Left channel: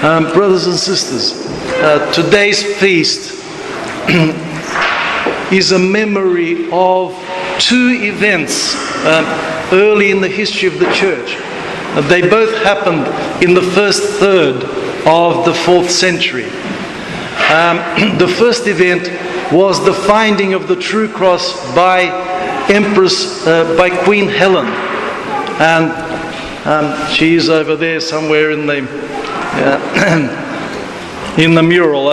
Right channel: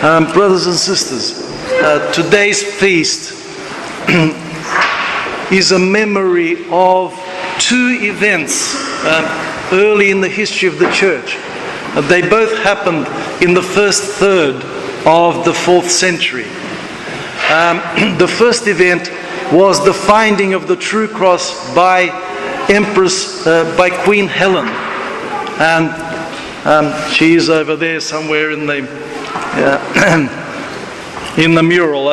Brothers and sisters, today's feast is a memory of two events early in the history of the church. They both happened in the first third of the 4th century. The first event was the finding of the true cross by Queen Helen, and she is over there somewhere in the mural.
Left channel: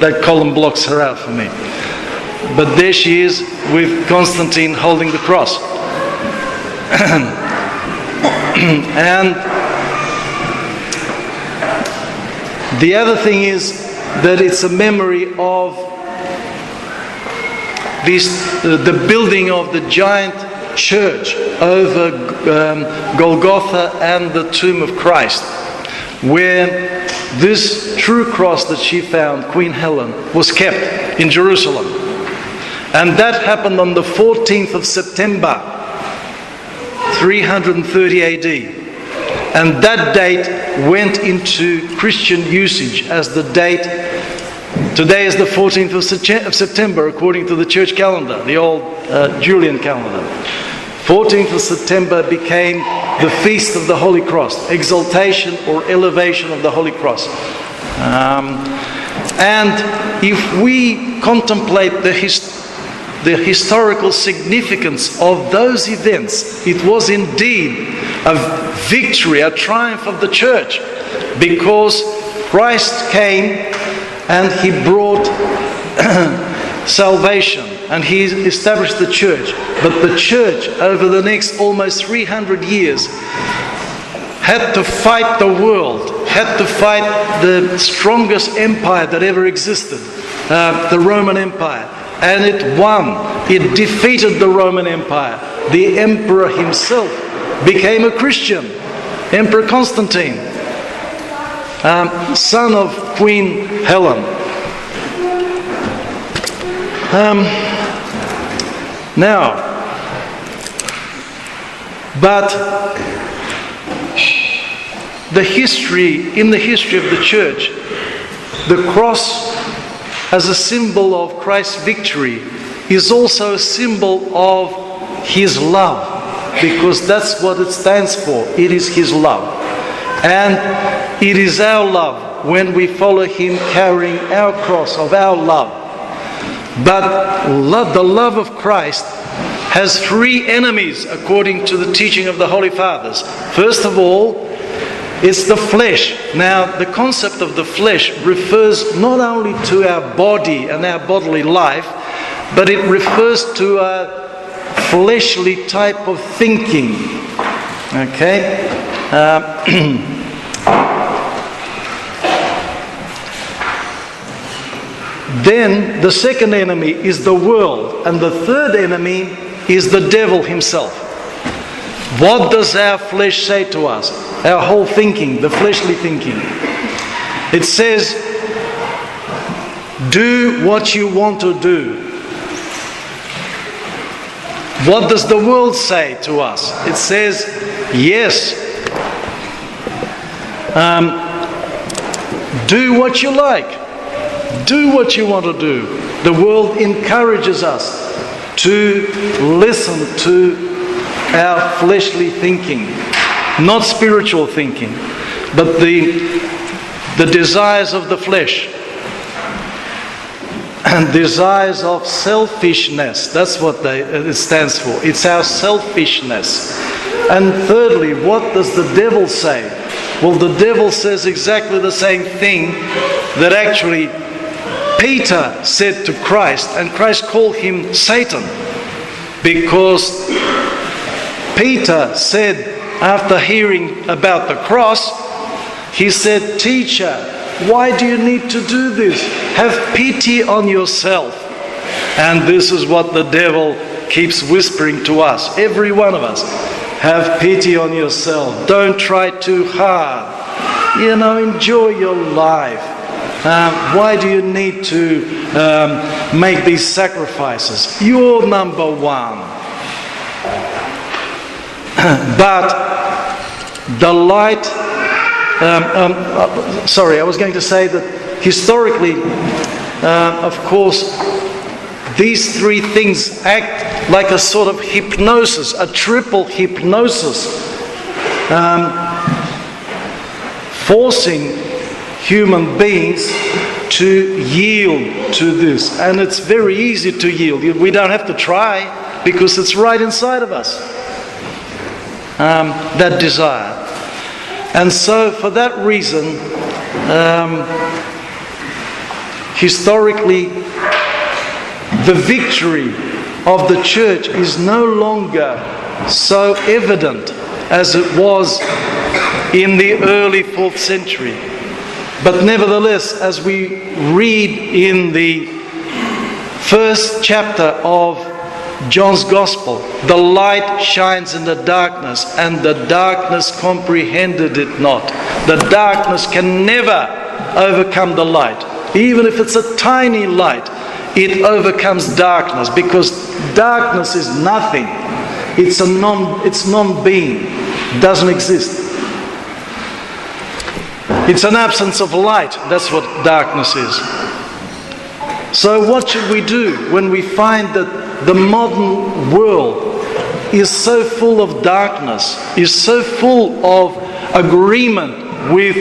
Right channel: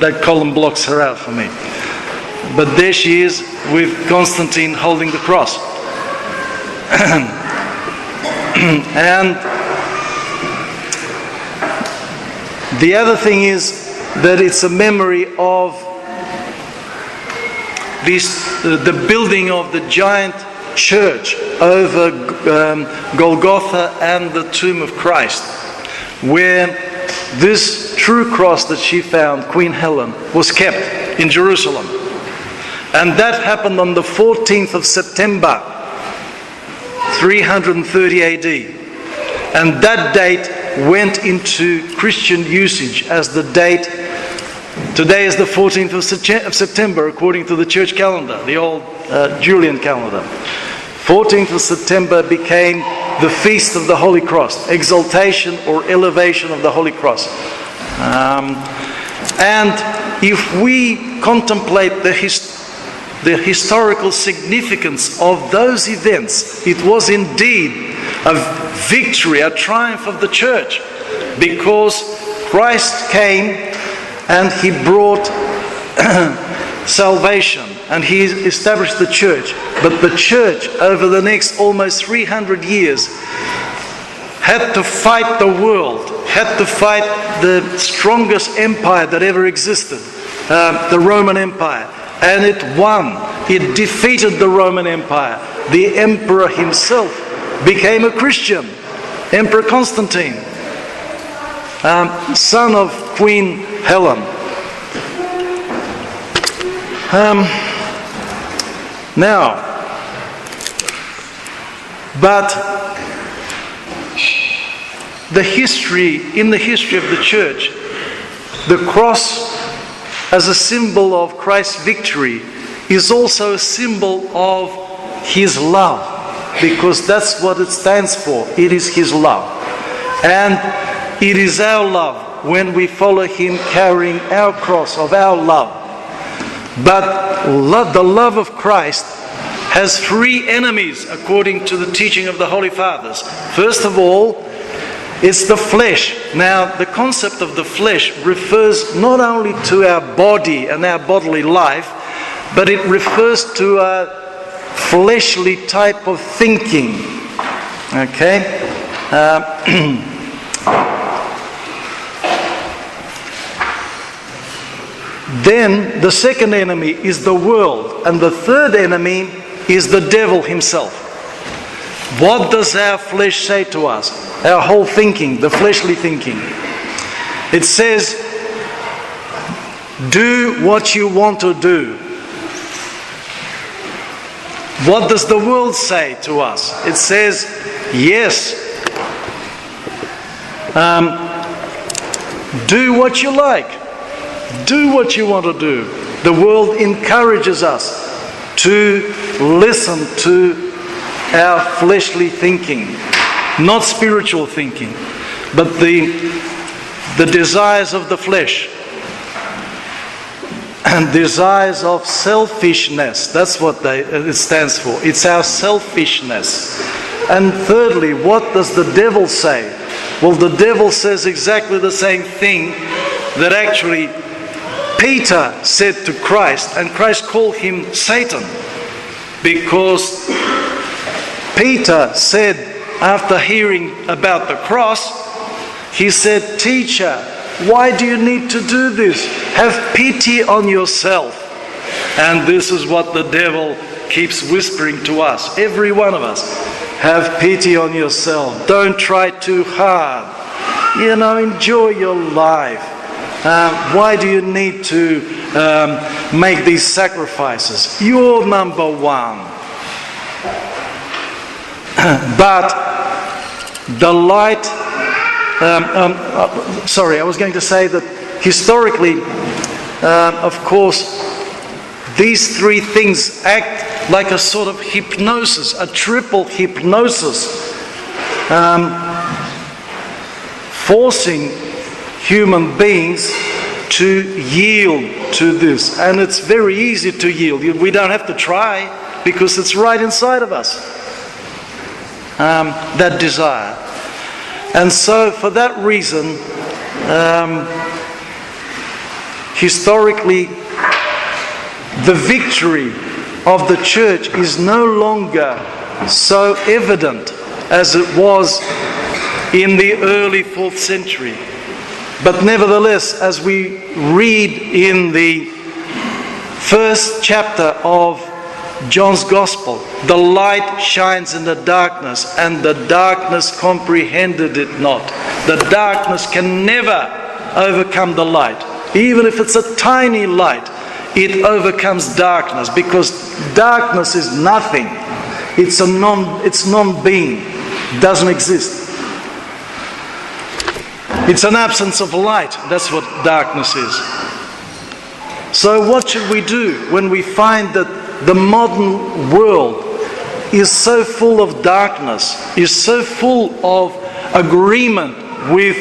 That column blocks her out for me. But there she is with Constantine holding the cross. And the other thing is that it's a memory of the building of the giant church over Golgotha and the tomb of Christ, where this true cross that she found, Queen Helen, was kept in Jerusalem. And that happened on the 14th of September, 330 AD. And that date went into Christian usage as the date. Today is the 14th of September, according to the church calendar, the old Julian calendar. 14th of September became the Feast of the Holy Cross, exaltation or elevation of the Holy Cross. And if we contemplate the historical significance of those events, it was indeed a victory, a triumph of the church, because Christ came and he brought salvation and he established the church. But the church, over the next almost 300 years, had to fight the world, had to fight the strongest empire that ever existed, the Roman Empire. And it won. It defeated the Roman Empire. The emperor himself became a Christian, Emperor Constantine, son of Queen Helen. But in the history of the church, the cross as a symbol of Christ's victory is also a symbol of His love, because that's what it stands for. It is His love. And it is our love when we follow Him carrying our cross of our love. But the love of Christ has three enemies according to the teaching of the Holy Fathers. First of all, it's the flesh. Now, the concept of the flesh refers not only to our body and our bodily life, but it refers to a fleshly type of thinking. Okay? Then the second enemy is the world, and the third enemy is the devil himself. What does our flesh say to us? Our whole thinking, the fleshly thinking. It says, do what you want to do. What does the world say to us? It says, yes, do what you like. Do what you want to do. The world encourages us to listen to our fleshly thinking. Not spiritual thinking, but the desires of the flesh and desires of selfishness. That's what it stands for. It's our selfishness. And thirdly, what does the devil say? Well, the devil says exactly the same thing that actually Peter said to Christ, and Christ called him Satan, because Peter said, after hearing about the cross, he said, "Teacher, why do you need to do this? Have pity on yourself." And this is what the devil keeps whispering to us, every one of us. Have pity on yourself. Don't try too hard. Enjoy your life. Why do you need to make these sacrifices? You're number one. But the light I was going to say that historically, of course, these three things act like a sort of hypnosis, a triple hypnosis, forcing human beings to yield to this. And it's very easy to yield. We don't have to try, because it's right inside of us, that desire. And so for that reason, historically, the victory of the church is no longer so evident as it was in the early 4th century. But nevertheless, as we read in the first chapter of John's Gospel, the light shines in the darkness, and the darkness comprehended it not. The darkness can never overcome the light. Even if it's a tiny light, it overcomes darkness, because darkness is nothing. It's non-being. It doesn't exist. It's an absence of light. That's what darkness is. So what should we do when we find that the modern world is so full of darkness, is so full of agreement with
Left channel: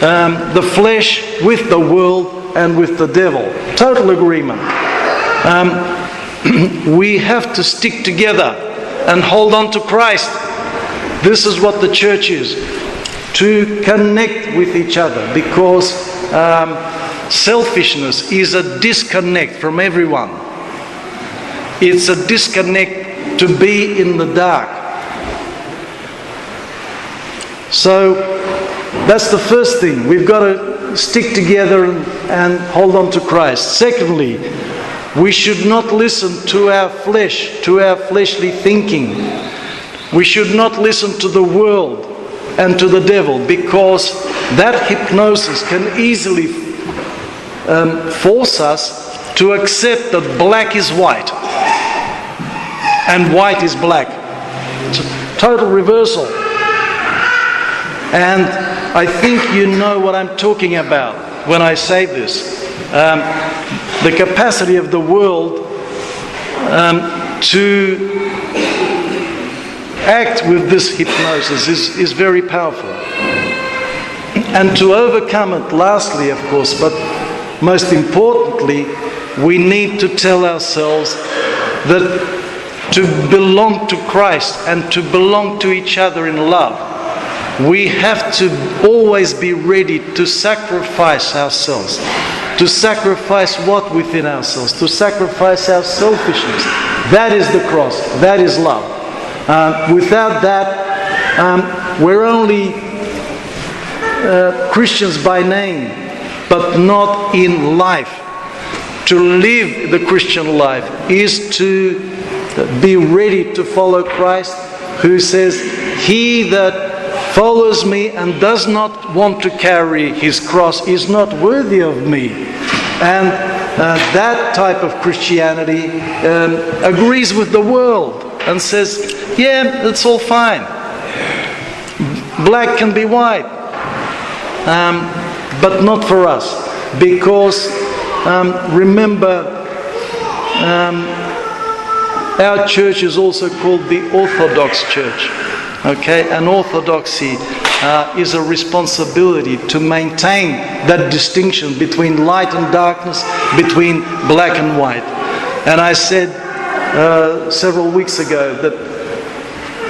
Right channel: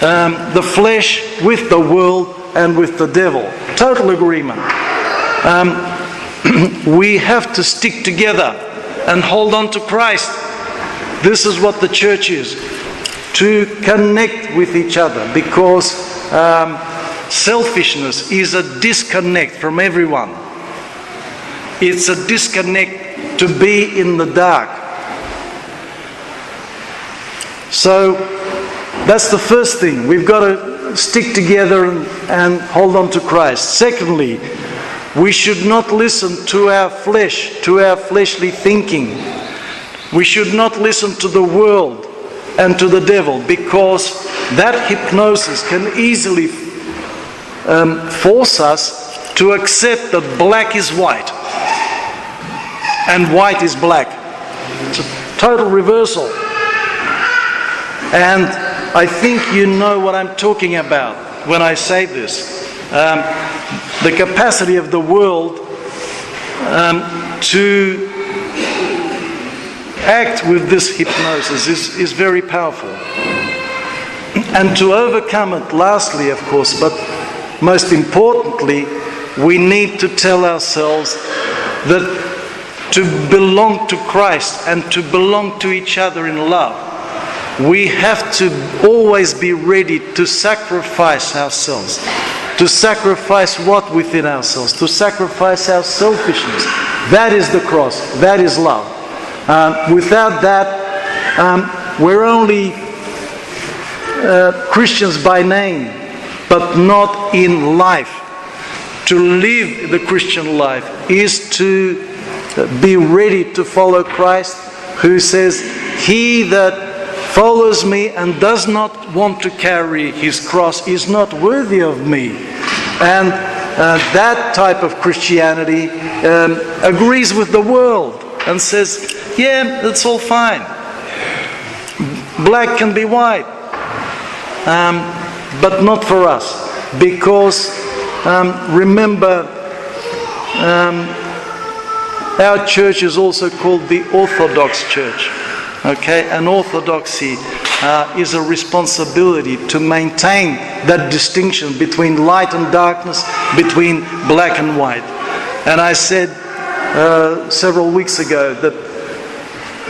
the flesh, with the world, and with the devil? Total agreement. We have to stick together and hold on to Christ. This is what the church is. To connect with each other, because selfishness is a disconnect from everyone. It's a disconnect to be in the dark. So that's the first thing. We've got to stick together and hold on to Christ. Secondly, we should not listen to our flesh, to our fleshly thinking. We should not listen to the world and to the devil, because that hypnosis can easily force us to accept that black is white and white is black. It's a total reversal. And I think you know what I'm talking about when I say this. The capacity of the world to act with this hypnosis is very powerful. And to overcome it, lastly, of course, but most importantly, we need to tell ourselves that to belong to Christ and to belong to each other in love, we have to always be ready to sacrifice ourselves. To sacrifice what within ourselves? To sacrifice our selfishness. That is the cross. That is love. Without that, we're only Christians by name, but not in life. To live the Christian life is to be ready to follow Christ, who says, "He that follows me and does not want to carry his cross is not worthy of me." And that type of Christianity agrees with the world and says, yeah, that's all fine. Black can be white. But not for us. Because, remember, our church is also called the Orthodox Church. Okay? And orthodoxy is a responsibility to maintain that distinction between light and darkness, between black and white. And I said several weeks ago that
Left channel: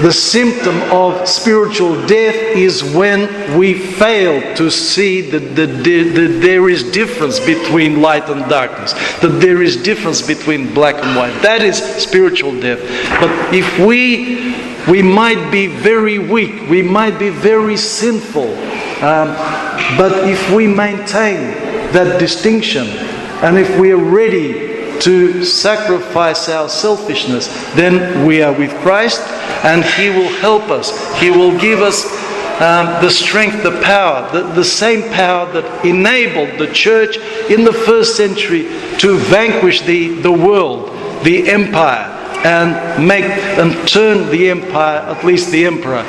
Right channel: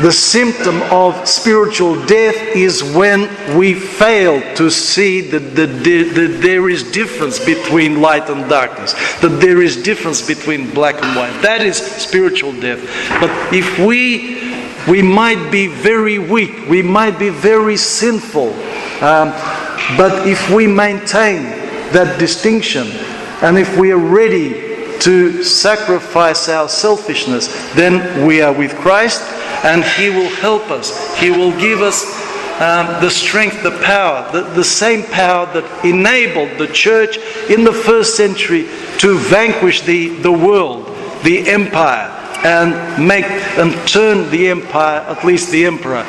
the symptom of spiritual death is when we fail to see that there is difference between light and darkness, that there is difference between black and white. That is spiritual death. But if we might be very weak, we might be very sinful, but if we maintain that distinction, and if we are ready to sacrifice our selfishness, then we are with Christ, and He will help us. He will give us the strength, the power, the same power that enabled the church in the first century to vanquish the world, the empire, and turn the empire, at least the emperor,